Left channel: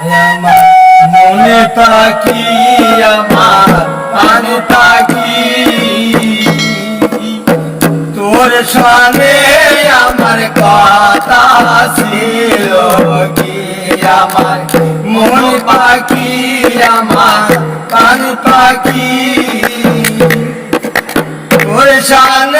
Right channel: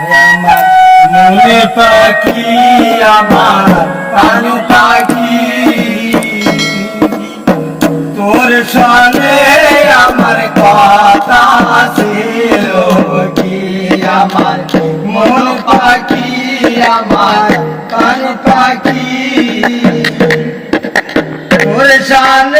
আমার মনে পাখি, আমার পাখি। তোর সামনে আমার কথা ছিল কি? আমার মন পাখি, আমার প্রাণ পাখি। তোর সামনে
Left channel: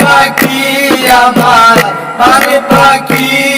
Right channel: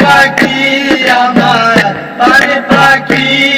পাখি আমার আরে পাখি